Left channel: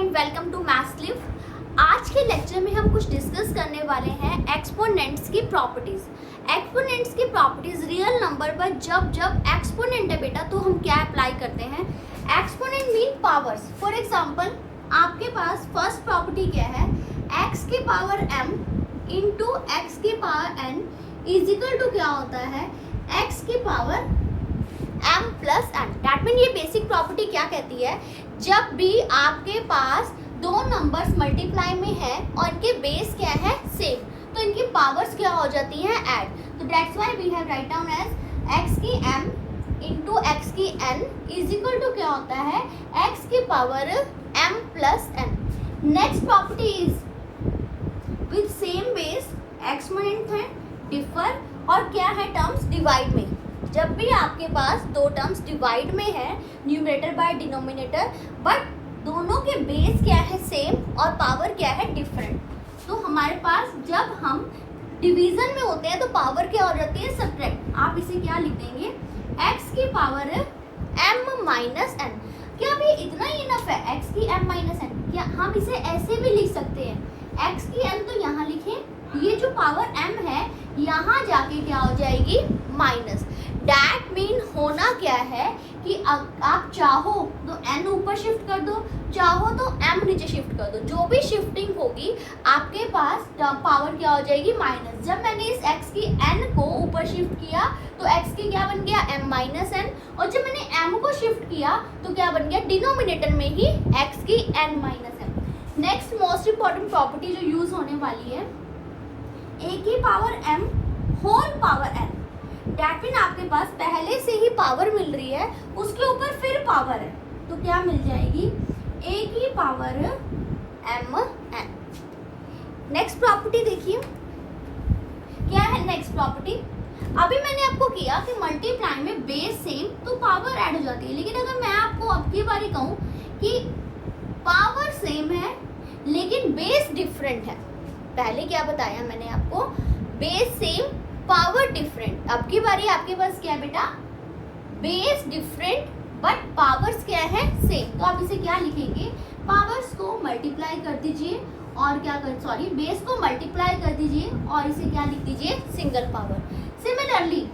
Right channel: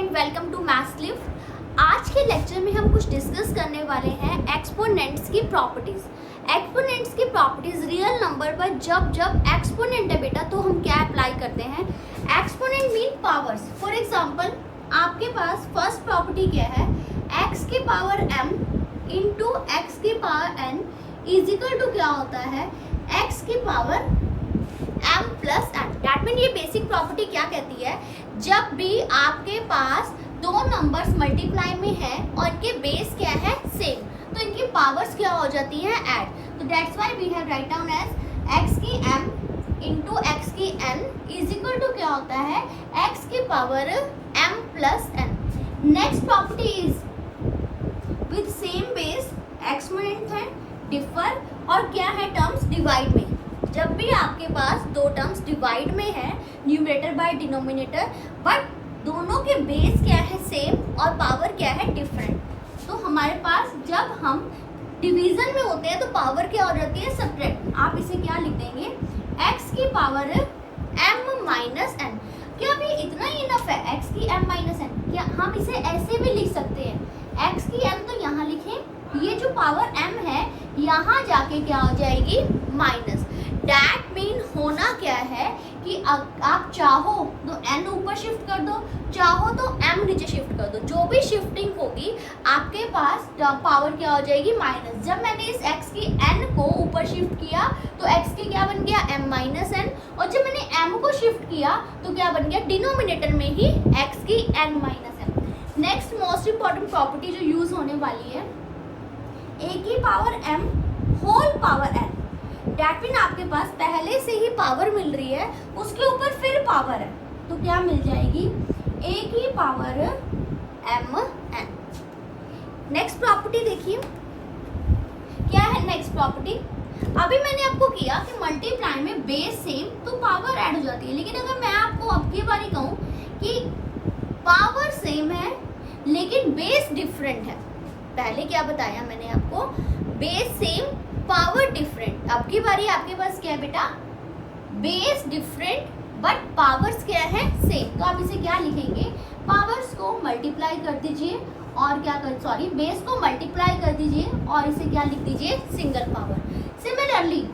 And welcome to maths live. आज के lecture में हम कुछ डिस्कस करने वाले हैं एक्सपोनेंट्स की प्रॉपर्टीज। एक्सपोनेंट्स की प्रॉपर्टीज रियल नंबर पर जब जब एक्सपोनेंट है बेटा तो हम क्या अप्लाई करते हैं। Exponent mean powers. For example आपके पास फर्स्ट प्रॉपर्टी क्या है, x की पावर m इंटू एक्स की power n is equal to क्या होता है, x की power m plus n। That mean ये बेसिक प्रॉपर्टी क्या कहती है, जब भी आपके पास दो नंबर्स मल्टीप्लाई में है और इनके बेस क्या है सेम, तो इनकी पावर्स क्या हो जाती हैं ऐड। तो that's why we have write down as x की m इंटू एक्स की n इज इक्वल टू क्या होता है, x की power m plus n। Next property is with same base exponent है डिफर और क्या है टर्म्स डिवाइड में। जब भी आपके पास दो टर्म्स डिवाइड में है न्यूमरेटर बाय डिनोमिनेटर बट दोनों के बेस क्या है सेम और पावर क्या है डिफरेंट, तो हमारे पास जब हम डिवीजन में होते हैं तो पावर क्या हो जाती है सब्ट्रैक्ट। आप इसे क्या लिख देंगे, x की पावर m माइनस n। क्या भी इतना ही इनफ है, x की m माइनस n। क्या हम इसे ऐसे भी लिख सकते हैं, x की m तो यहाँ लिखें, ये जो पावर m है यहाँ जाके क्या हो जाएगी माइनस। दैट मीन होना क्या है कि आप चाहो तो n ऊपर शिफ्ट कर दो, चाहो तो m नीचे शिफ्ट कर दो, जो भी शिफ्टिंग होगी आपके पास पावर क्या हो जाएगी माइनस। जब मैंने इस x की n को ऊपर शिफ्ट किया तो x की क्या बन गया m माइनस n, और जब मैंने m को शिफ्ट किया तो क्या बन गया डिनोमिनेटर में ही x की n minus m। Next most important property जो यूज होने वाली है, a की power m whole power n। That mean आपके पास पहले से ही पावर मिल रही है, उसके ऊपर फिर पावर है, तो क्या मिल जाएगी a की power m n। Next property देखिए क्या है। नेक्स्ट प्रॉपर्टी अभी मैंने आपको किया कि मल्टीप्लाई में बेस सेम तो पावर ऐड हो जाती है, लेकिन अगर मैं आपको अब की बारी कहूँ कि पावर सेम है लेकिन बेस डिफरेंट है, पहले क्या बताया मैंने आपको, बेस सेम पावर डिफरेंट। अब की बारी आपके पास क्या है बेटा, बेस डिफरेंट बट पावर्स क्या है सेम। तो आप इसे क्या लिखेंगे, पावर्स को मल्टीप्लाई कर दीजिए और क्या कर बेस को मल्टीप्लाई कर दीजिए और इसे क्या लिख दीजिए सिंगल पावर। सिमिलरली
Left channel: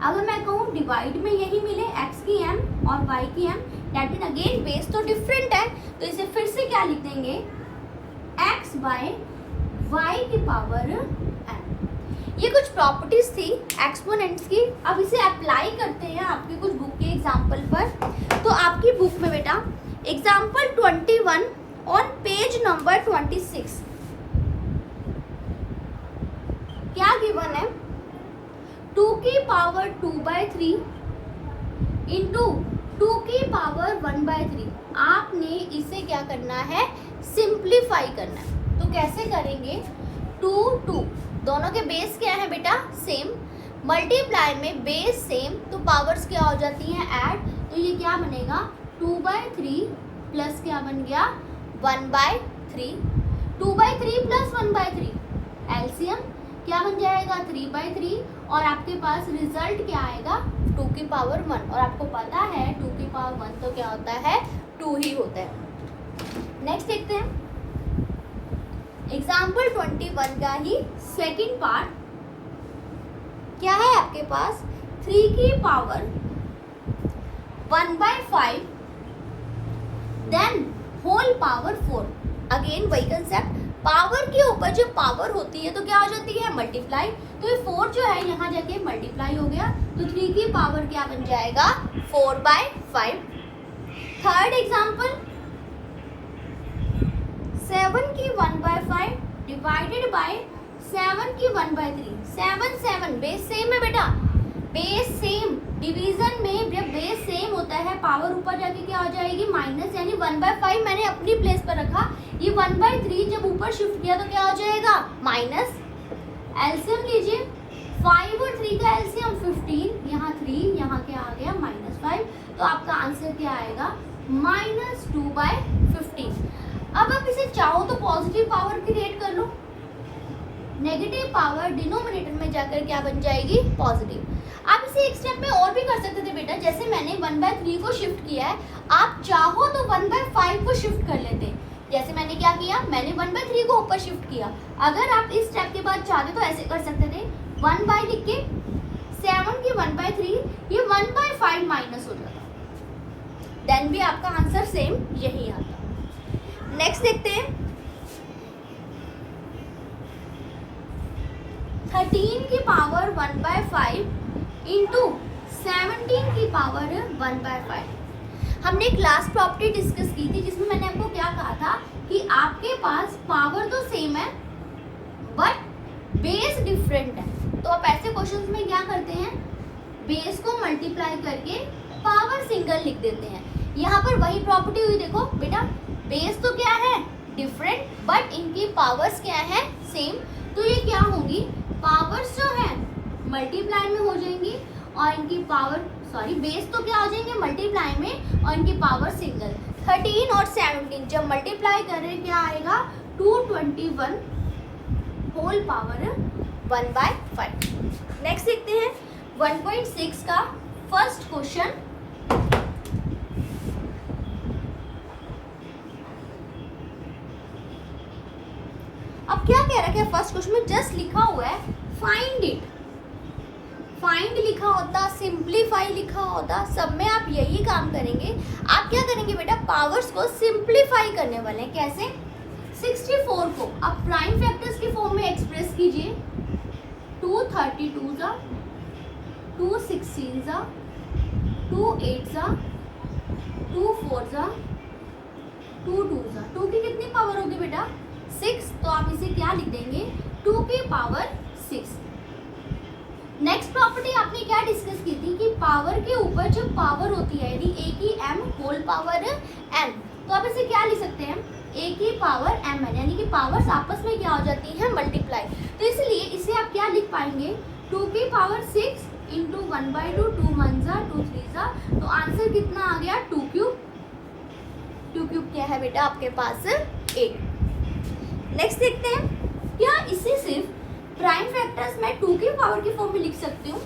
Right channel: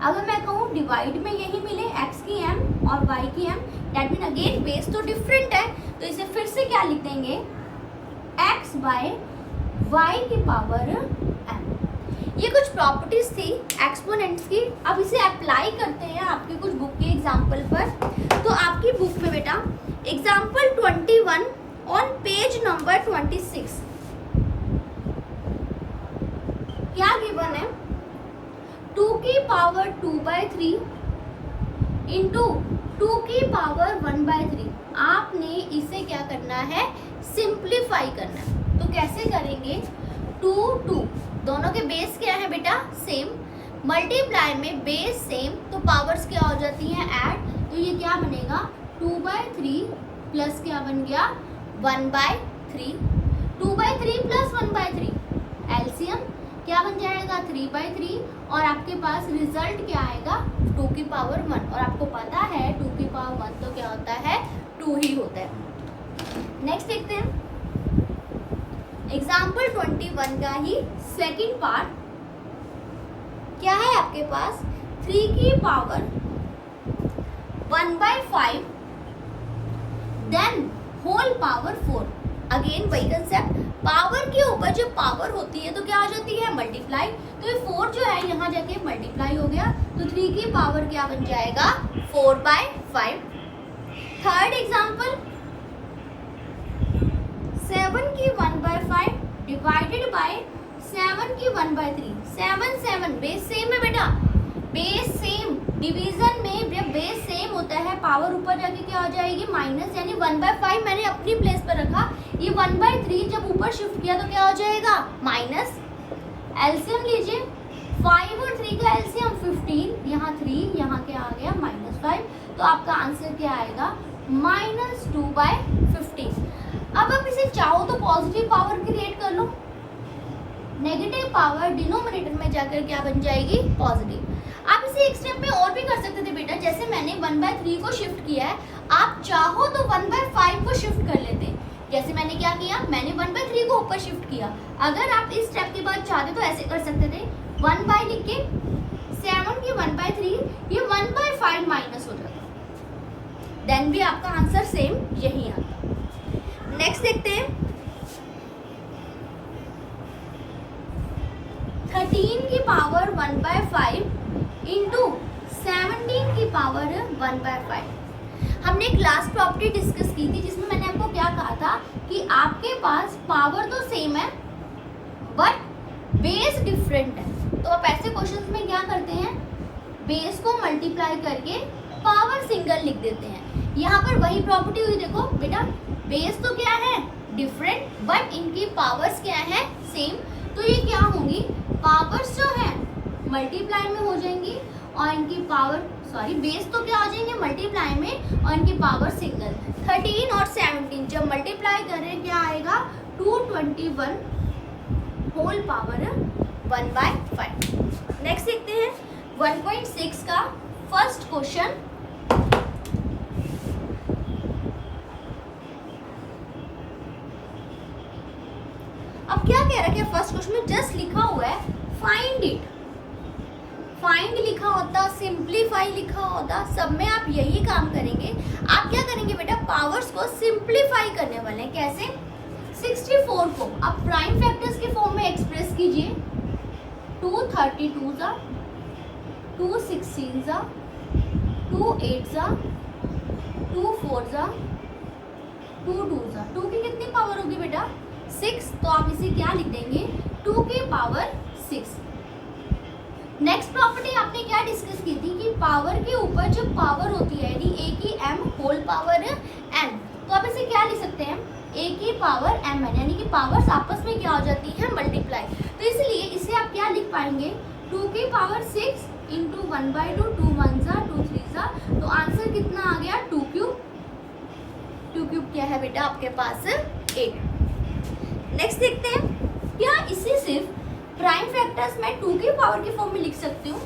अगर मैं कहूँ डिवाइड में यही मिले x की m और y की m, that mean again base तो डिफरेंट है, तो इसे फिर से क्या लिख देंगे x बाय y की पावर m। ये कुछ प्रॉपर्टीज थी एक्सपोनेंट्स की। अब इसे अप्लाई करते हैं आपकी कुछ बुक के एग्जाम्पल पर। तो आपकी बुक में बेटा एग्जाम्पल 21 ऑन पेज नंबर 26 क्या गिवन है, 2 की पावर 2/3 इंटू 2 की पावर 1/3। आपने इसे क्या करना है, सिंप्लीफाई करना है। तो कैसे करेंगे, 2 दोनों के बेस क्या है बेटा सेम, मल्टीप्लाई में बेस सेम तो पावर्स क्या हो जाती हैं ऐड, तो ये क्या बनेगा 2/3 प्लस क्या बन गया 1/3। 2/3 प्लस 1/3 एलसीएम क्या बन जाएगा 3/3 और आपके पास रिजल्ट क्या आएगा 2 की पावर 1। और आपको पता है 2 की पावर 1 तो क्या होता है 2 ही होता है। नेक्स्ट देखते हैं एग्जाम्पल 21 का ही सेकेंड पार्ट। क्या है आपके पास 3 की power 1/5 then whole power 4। Again वही कंसेप्ट, पावर के ऊपर जो पावर होती है तो क्या हो जाती है मल्टीप्लाई, तो ये 4 जो है यहाँ जाके मल्टीप्लाई हो गया, तो 3 की पावर क्या बन जाएगा 4/5। थर्ड एग्जाम्पल 7 की 1/5 डिवाइडेड बाय 7 की 1/3। 7 बेस सेम है बेटा, बेस सेम डिवीजन में जब बेस सेम होता है पावर ऊपर जाके क्या हो जाएगी माइनस, यानी 1/5 मैंने अपनी प्लेस पर रखा, ये 1/3 जब ऊपर शिफ्ट किया तो क्या हो जाएगा माइनस। एलसीएम लीजिए 5 और 3 का एलसीएम 15, यहाँ 3 यहाँ क्या आ गया -5, तो आपका आंसर क्या आएगा -2/15। अब आप इसे चाहो तो पॉजिटिव पावर क्रिएट कर लो, नेगेटिव पावर डिनोमिनेटर में जाकर क्या बन जाएगी पॉजिटिव। आप इसे एक स्टेप में और भी कर सकते थे बेटा, जैसे मैंने 1/3 को शिफ्ट किया है, आप चाहो तो 1/5 को शिफ्ट कर लेते हैं। जैसे मैंने क्या किया, मैंने 1/3 को ऊपर शिफ्ट किया। अगर आप इस स्टेप के बाद चाहते तो ऐसे कर सकते थे, 1 लिख के 7 की 1/3, ये 1/5 माइनस हो जाता, देन भी आपका आंसर सेम यही आता। नेक्स्ट देखते हैं, 13 की पावर 1/5 इंटू 17 की पावर 1/5। हमने एक लास्ट प्रॉपर्टी डिस्कस की थी जिसमें मैंने आपको क्या कहा था कि आपके पास पावर तो सेम है बट बेस डिफरेंट है। तो आप ऐसे क्वेश्चंस में क्या करते हैं, बेस को मल्टीप्लाई करके पावर सिंगल लिख देते हैं। यहाँ पर वही प्रॉपर्टी हुई, देखो बेटा बेस तो क्या है डिफरेंट बट इनकी पावर्स क्या है सेम, तो ये क्या होंगी, पावर्स जो है मल्टीप्लाई में हो जाएंगी और इनकी पावर बेस तो क्या हो जाएंगे मल्टीप्लाई में और इनकी पावर सिंगल। 13 और 17 जब मल्टीप्लाई करें क्या आएगा, 221 होल पावर 1/5। नेक्स्ट देखते हैं 1.6 का फर्स्ट क्वेश्चन। अब क्या कह रखा है फर्स्ट क्वेश्चन में, जस्ट लिखा हुआ है फाइंड इट। फाइंड लिखा होता, सिंप्लीफाई लिखा होता, सब में आप यही काम करेंगे। आप क्या करेंगे बेटा, पावर्स को सिंप्लीफाई करने वाले हैं। कैसे, 64 को आप प्राइम फैक्टर्स के फॉर्म में एक्सप्रेस कीजिए। 2 32 जा, 2 16 जा, 2 8 जा, 2 4 जा, 2 2 जा। 2 की कितनी पावर होगी बेटा 6, तो आप इसे क्या लिख देंगे 2 की पावर 6। नेक्स्ट प्रॉपर्टी आपने क्या डिस्कस की थी कि पावर के ऊपर जो पावर होती है यानी a की m होल पावर n, तो आप इसे क्या लिख सकते हैं a की पावर mn, यानी कि पावर्स आपस में क्या हो जाती है मल्टीप्लाई। तो इसलिए इसे आप क्या लिख पाएंगे 2 की पावर 6 इंटू 1/2, 2 1 जा, 2 3 जा, तो आंसर कितना आ गया 2 क्यूब। 2 क्यूब क्या है बेटा आपके पास 8। नेक्स्ट देखते हैं, क्या इसे सिर्फ प्राइम फैक्टर्स में 2 की पावर की फॉर्म में लिख सकती हूँ।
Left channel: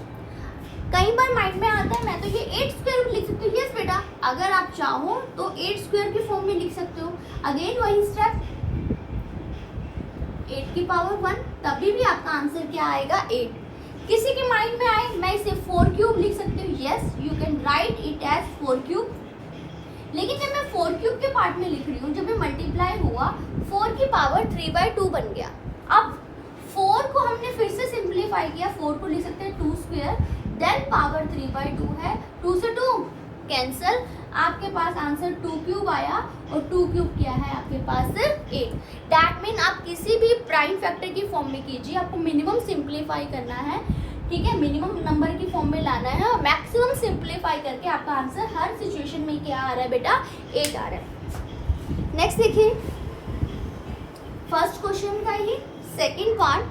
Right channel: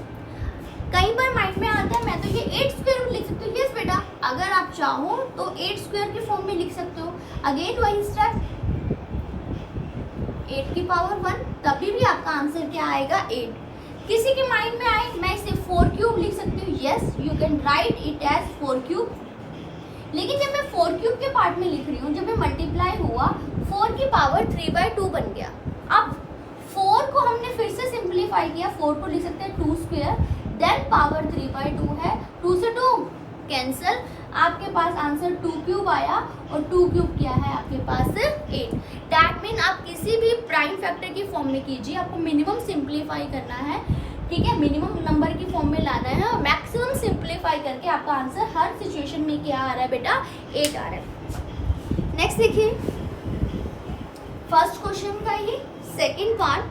कई बार माइंड में आता है मैं तो ये 8 स्क्वायर में लिख सकती हूँ। यस बेटा, अगर आप चाहो तो 8 स्क्वायर की फॉर्म में लिख सकते हो। अगेन वही स्टेप, 8 की पावर 1, तभी भी आपका आंसर क्या आएगा 8। किसी के माइंड में आए मैं इसे 4 क्यूब लिख सकती हूँ। Yes, you can write it as 4 cube. लेकिन जब मैं 4 क्यूब के पार्ट में लिख रही हूँ, जब मैं मल्टीप्लाई हुआ 4 की पावर 3/2 बन गया। अब 4 को हमने फिर से सिंप्लीफाई किया, 4 को लिख सकते हैं 2 स्क्वायर, देन पावर 3/2 है, 2 से 2 कैंसल, आपके पास आंसर 2 क्यूब आया और 2 क्यूब क्या है आपके पास 8। दैट मीन आप किसी भी प्राइम फैक्टर की फॉर्म में कीजिए, आपको मिनिमम सिंप्लीफाई करना है, ठीक है, मिनिमम नंबर की फॉर्म में लाना है और मैक्सिमम सिंप्लीफाई करके आपका आंसर हर सिचुएशन में क्या आ रहा है बेटा 8 आ रहा है। नेक्स्ट देखिए फर्स्ट क्वेश्चन का ही सेकंड पार्ट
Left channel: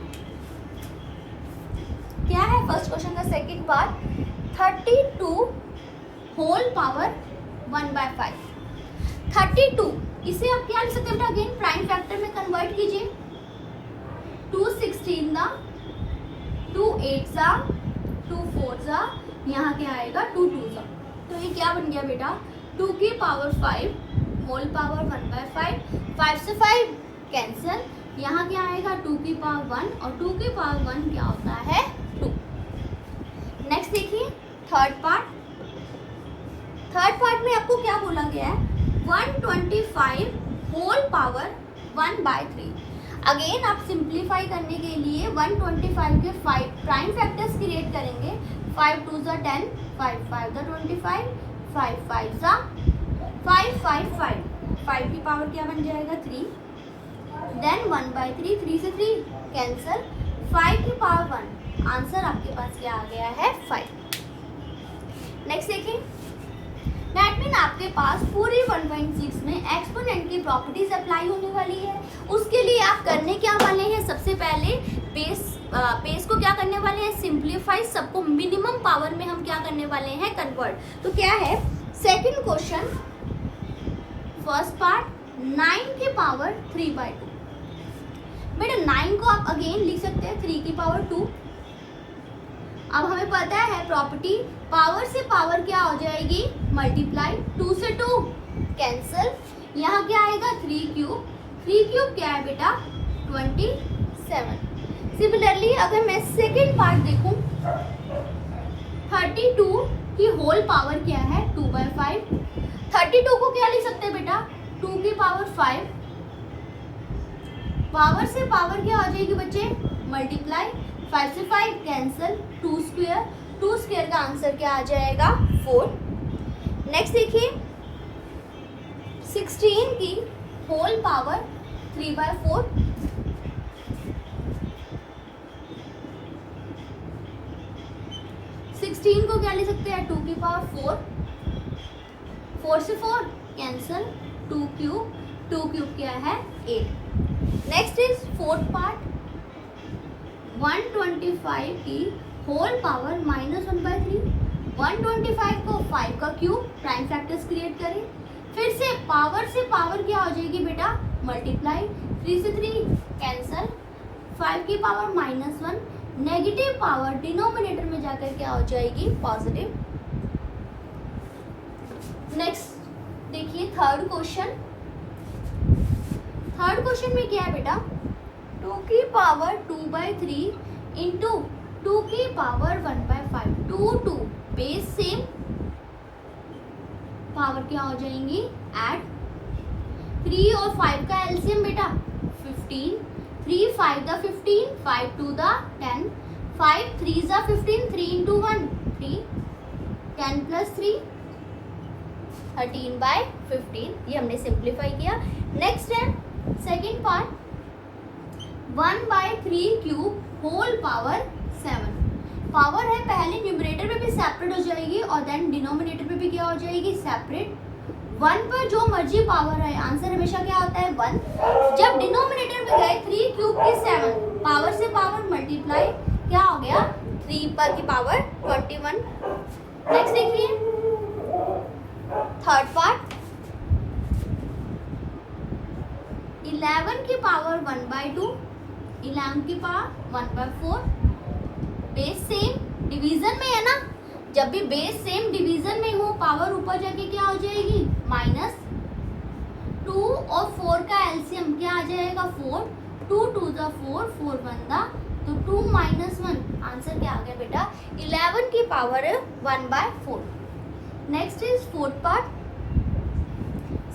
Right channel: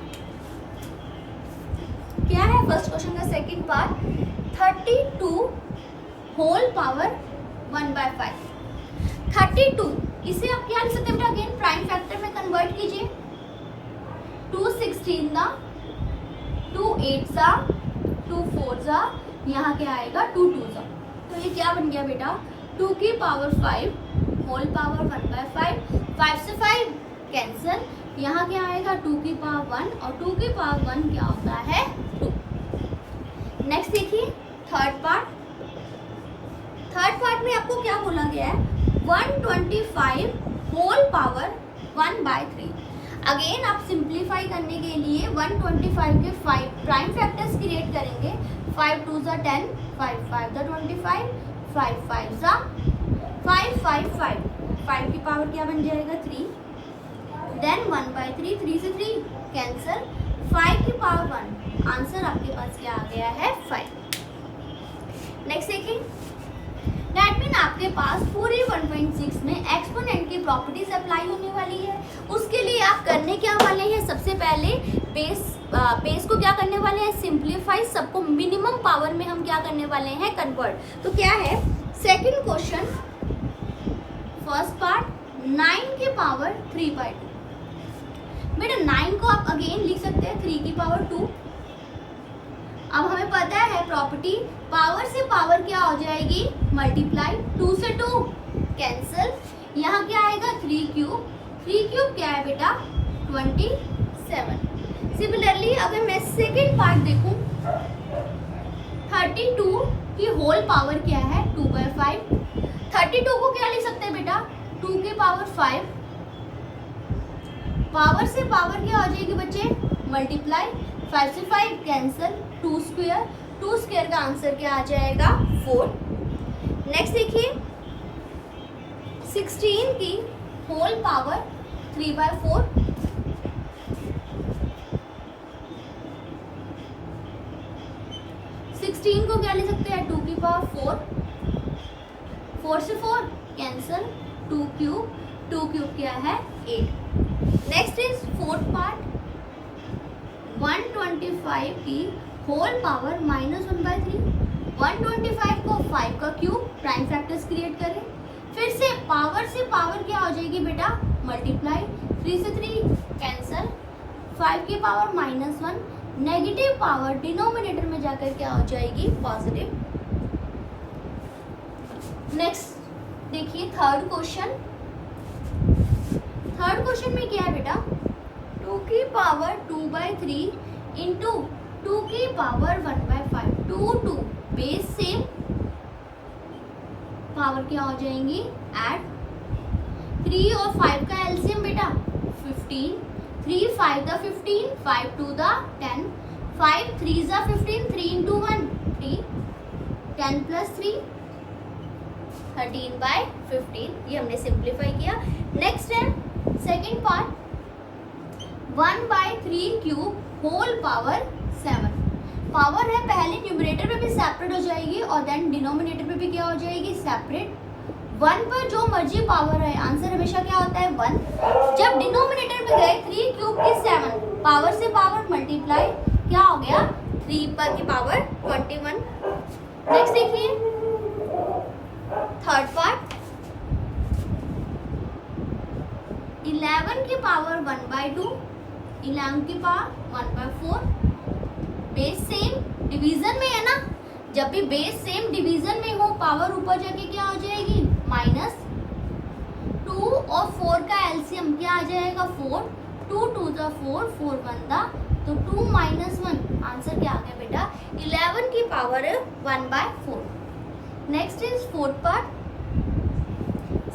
क्या है। फर्स्ट क्वेश्चन का सेकंड पार्ट 32 होल पावर 1/5। 32 इसे आप क्या लिख सकते हैं बेटा, अगेन प्राइम फैक्टर में कन्वर्ट कीजिए। 2 16 दा, 2 8 सा, 2 4 सा, यहाँ क्या आएगा 2 2 सा, तो ये क्या बन गया बेटा 2 की पावर 5 होल पावर 1/5। 5 से 5 कैंसल, यहाँ क्या आएगा 2 की पावर 1 और 2 की पावर 1 क्या होता है 2। नेक्स्ट देखिए थर्ड पार्ट। थर्ड पार्ट में आपको क्या बोला गया है 125 होल पावर 1/3। अगेन आप सिंप्लीफाई करने के लिए 125 के 5 प्राइम फैक्टर्स क्रिएट करेंगे। 5 2 ज़ा 10, 5 5 ज़ा 25, 5 5 ज़ा 5 5 5, 5 की पावर क्या बन जाएगा 3, देन 1/3, 3 से 3 कैंसल, 5 की पावर 1, आंसर आपके पास क्या आ गया है 5। नेक्स्ट देखिए, दैट मीन आपके पास पूरी 1.6 में एक्सपोनेंट की प्रॉपर्टीज अप्लाई होने वाली है। उसके लिए आप करने क्या वाले हैं, सबसे पहले बेस को क्या करने वाले हैं सिंप्लीफाई, सबको मिनिमम पावर में हम क्या करने वाले हैं कन्वर्ट। तो क्या है सेकंड क्वेश्चन फर्स्ट पार्ट 9 की पावर 3/2। बेटा 9 को आप अगेन लिख सकते हैं 3 की पावर 2। अब हमें पता है प्रॉपर्टी पावर से पावर क्या हो जाएगी मल्टीप्लाई, 2 से 2 कैंसल। यहाँ क्या आएगा 3 क्यूब, 3 क्यूब क्या है बेटा 27। सिमिलरली अगर मैं सेकेंड पार्ट देखूं 32 की होल पावर क्या है 2/5। 32 को क्या लिख सकते हैं बेटा 2 की पावर 5। पावर से पावर क्या हो जाएगी बच्चे मल्टीप्लाई, 5 से 5 कैंसल, 2 स्क्वायर, 2 स्क्वायर का आंसर क्या आ जाएगा 4। नेक्स्ट देखिए 16 की होल पावर 3/4। 16 को क्या ले सकते हैं 2 की पावर 4, 4 से 4 कैंसल, 2 क्यूब, 2 क्यूब क्या है 8। नेक्स्ट इज फोर्थ पार्ट 125 की होल पावर -1/3। 125 को 5 का क्यूब प्राइम फैक्टर्स क्रिएट करें, फिर से पावर क्या हो जाएगी बेटा मल्टीप्लाई, 3 से 3 कैंसल, 5 की पावर -1, नेगेटिव पावर डिनोमिनेटर में जाकर क्या हो जाएगी पॉजिटिव। नेक्स्ट देखिए थर्ड क्वेश्चन में क्या है बेटा 2 की पावर 2/3 इंटू 2 की पावर 1/5। 2 बेस सेम, पावर क्या हो जाएंगी ऐड, 3 और 5 का एलसीएम बेटा 15, 3 5 दा 15, 5 2 दा 10, 5 3 दा 15, 3 into 1 3, 10 plus 3 13/15। ये हमने सिंप्लीफाई किया। नेक्स्ट है second part 1/3 cube whole power 7। Power है पहले न्यूमरेटर पे भी सेपरेट हो जाएगी और देन डिनोमिनेटर पे भी क्या हो जाएगी सेपरेट। 1 पर जो मर्जी पावर है आंसर हमेशा क्या होता है 1। जब डिनोमिनेटर में गए 3 क्यूब की 7, पावर से पावर मल्टीप्लाई क्या हो गया 3 पर की पावर 21। नेक्स्ट देखिए थर्ड पार्ट 11 की पावर 1/2, 11 की पावर 1/4। बेस सेम डिवीजन में है ना, जब भी बेस सेम डिवीजन में हो पावर ऊपर जाके क्या हो जाएगी -2 और 4 का एलसीएम क्या आ जाएगा 4, 2 2 द 4, 4 1 दा, तो 2 - 1 आंसर क्या आ गया बेटा 11 की power 1/4। Next is fourth part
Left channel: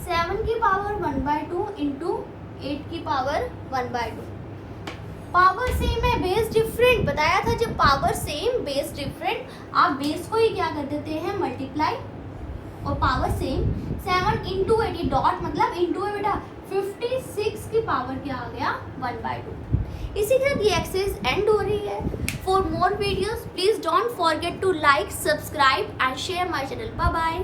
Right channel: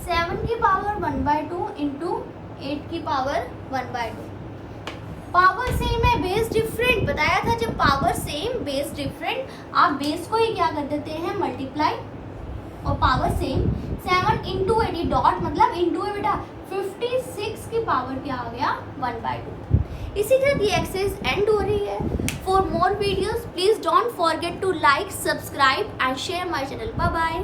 7 की पावर 1/2 इंटू 8 की पावर 1/2। पावर सेम है बेस डिफरेंट, बताया था जब पावर सेम बेस डिफरेंट आप बेस को ही क्या कर देते हैं मल्टीप्लाई, और पावर सेम 7 इंटू 8 डॉट मतलब इंटू है बेटा 56 की पावर क्या आ गया 1/2। इसी तरह ये एक्सरसाइज एंड हो रही है। For more videos please don't forget to like, subscribe and share my channel. Bye bye.